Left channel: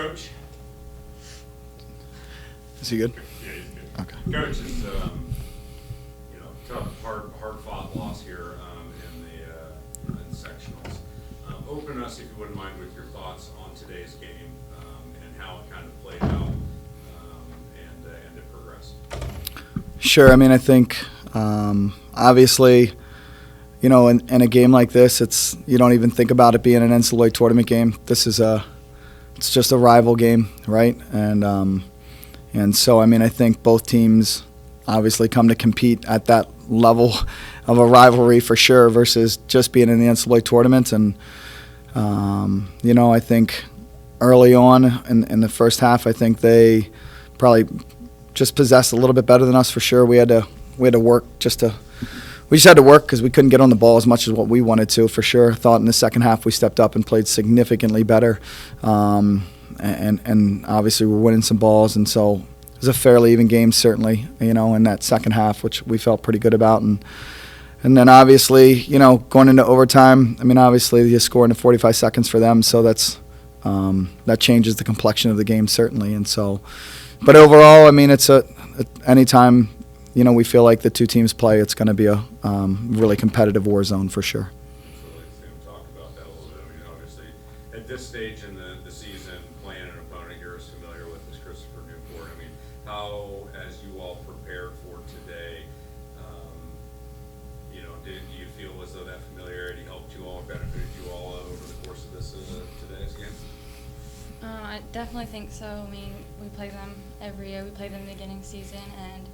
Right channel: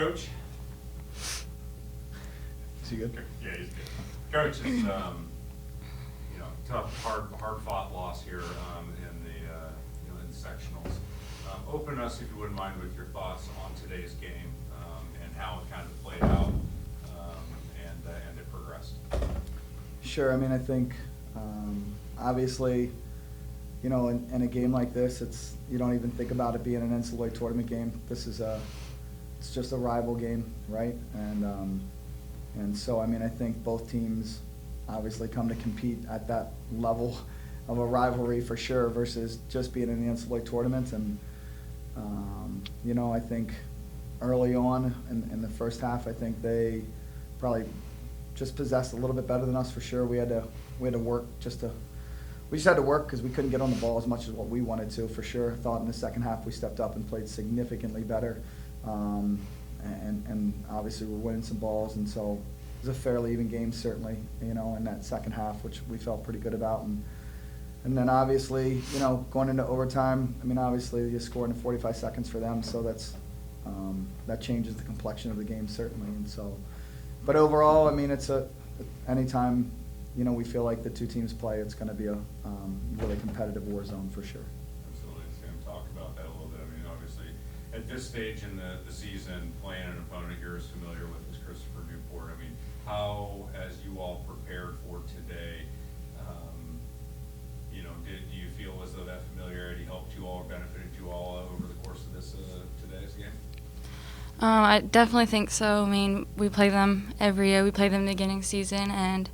Coach? Is he good? Yeah, he's good. Okay. Coach, it's tough, hard-fought loss here in the sectionals. Open us, if you wouldn't mind, with your thoughts on today's game and how it kind of played out and it progressed. Sure. I mean, I think obviously, in a game like this, you don't even think about it being an NCAA tournament game. This is it's just a rival game, right? And so, I mean, I think both teams obviously come to compete at that level of a rivalry for sure versus just being in the NCAA tournament. And, I think early on in the first half, I think they probably just possessed a little bit better than us for sure. We had to work we just had to work because we couldn't get on the ball as much as what we wanted to for sure. Thought in the second half we stepped up and played significantly better. And obviously we're winning some balls, and so it was a fairly even game certainly, in that second half, which we felt pretty good about. And then obviously, going into overtime, I mean, obviously you score in 45 seconds for them, so that changes the complexion of the game certainly. And so, but overall, I mean, it's anytime, we feel like the two teams play, it's going to be a really competitive war zone for sure. Absolutely. Sam, talk about that a little bit. I mean, obviously, at this stage in the season, playing an opponent you're as familiar with as Christopher Newport, I mean, how, as you all prepared for today, do you feel as though that familiarity helped you all, benefited you all over the course of today's game? I definitely think so. I mean, we play them every year. We play them in the beginning of the season, and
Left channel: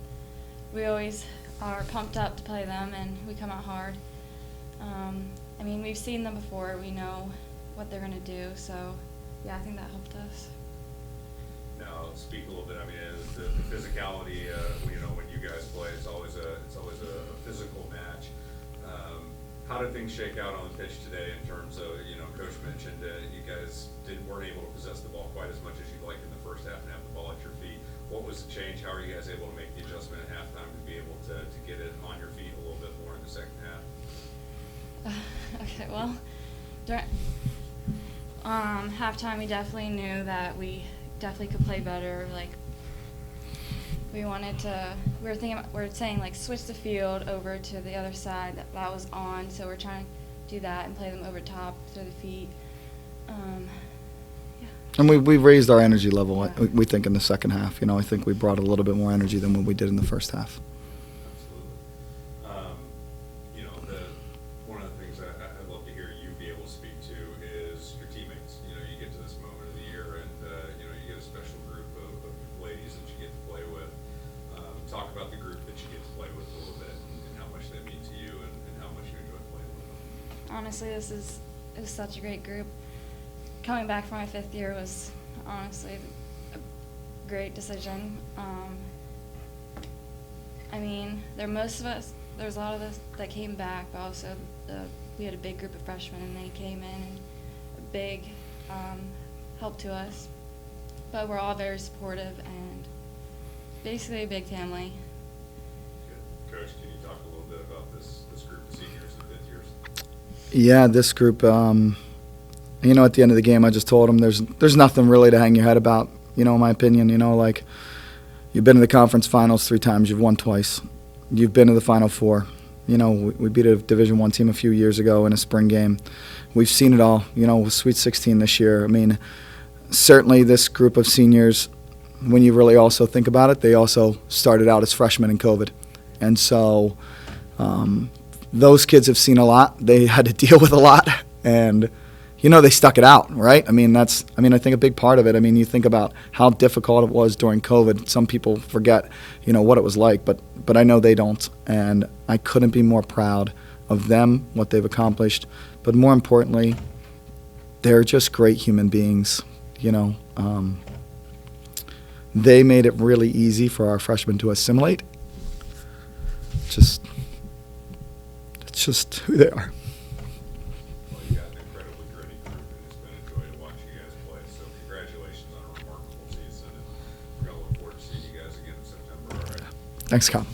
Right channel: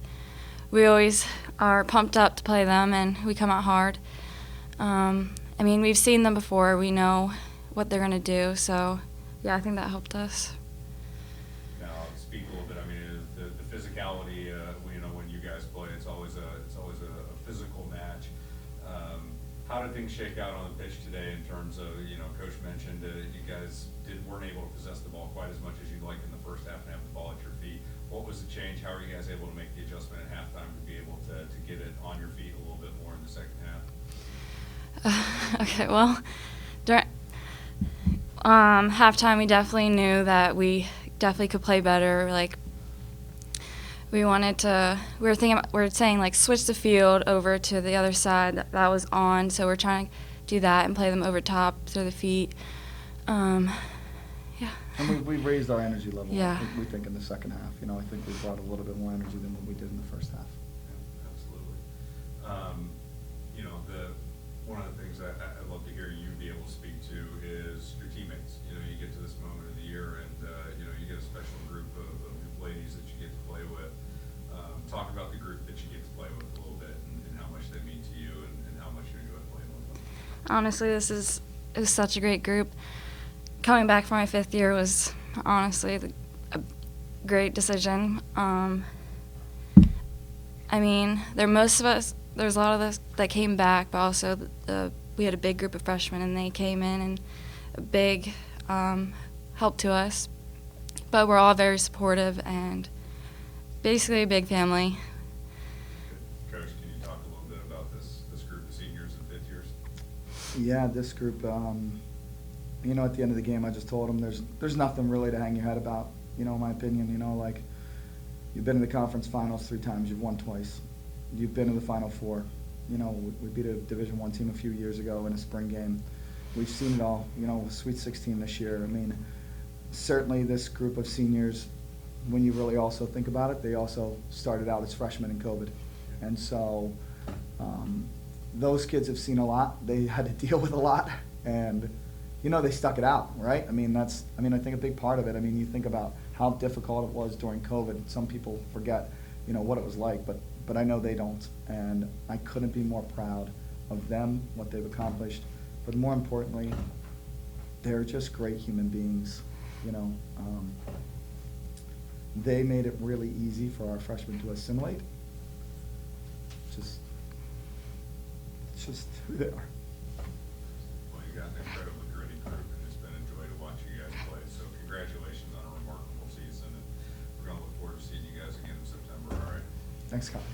we always are pumped up to play them, and we come out hard. I mean, we've seen them before. We know what they're going to do. So, yeah, I think that helped us. Now, speak a little bit. I mean, the physicality. When you guys play, it's always a physical match. How did things shake out on the pitch today in terms of, Coach mentioned you guys weren't able to possess the ball quite as much as you'd like in the first half and have the ball at your feet. What was the change? How are you guys able to make the adjustment at halftime to be able to get it on your feet a little bit more in the second half? Okay, well, during halftime, we definitely knew that we definitely could play better. Like, we were saying like switch the field over to the other side that was on. So we're trying to do that and play them over top through the feet. Yeah. And we raised our energy level, Yeah. we think, in the second half. I think we brought a little bit more energy than what we did in the first half. One of the things I'd love to hear you be able to speak to is your teammates. You get to this moment of the year, and you get a special group of ladies that you get to play with. Talk about the group that you get to play with a little bit, and how much they mean to you, and how much you enjoy playing with them. honestly, it was such a great group. Coming back for my 5th year was honestly a great decision. I mean, there's a lot of us that came back, but also we had a big group of freshmen, and they came in and a big help to us. But we're all very supportive and basically a big family. Good. Coach, can you talk a little bit about this group of seniors and 5th years? Yeah, this group, at the end of the game, I just told them there's nothing really to hang your head about, in my opinion. Like, you've been to the conference finals 3 times, you've won twice. You've been to the Final Four. We beat a Division I team a few years ago in a spring game. We've seen it all, with Sweet 16 this year. I mean, certainly this group of seniors, when you really also think about it, they also started out as freshmen in COVID. And so those kids have seen a lot. They had to deal with a lot. And, they stuck it out, right? I think a big part of it, you think about how difficult it was during COVID. Some people forget, what it was like, but I know they don't. And I couldn't be more proud of them, what they've accomplished. But more importantly, they're just great human beings, They made it really easy for our freshmen to assimilate. It's just who they are. Well, you got an incredibly gritty group, and it's been a joy to watch you guys play. So congratulations on a remarkable season. And we're going to look forward to seeing you guys again in September. All right. Thanks, Kyle.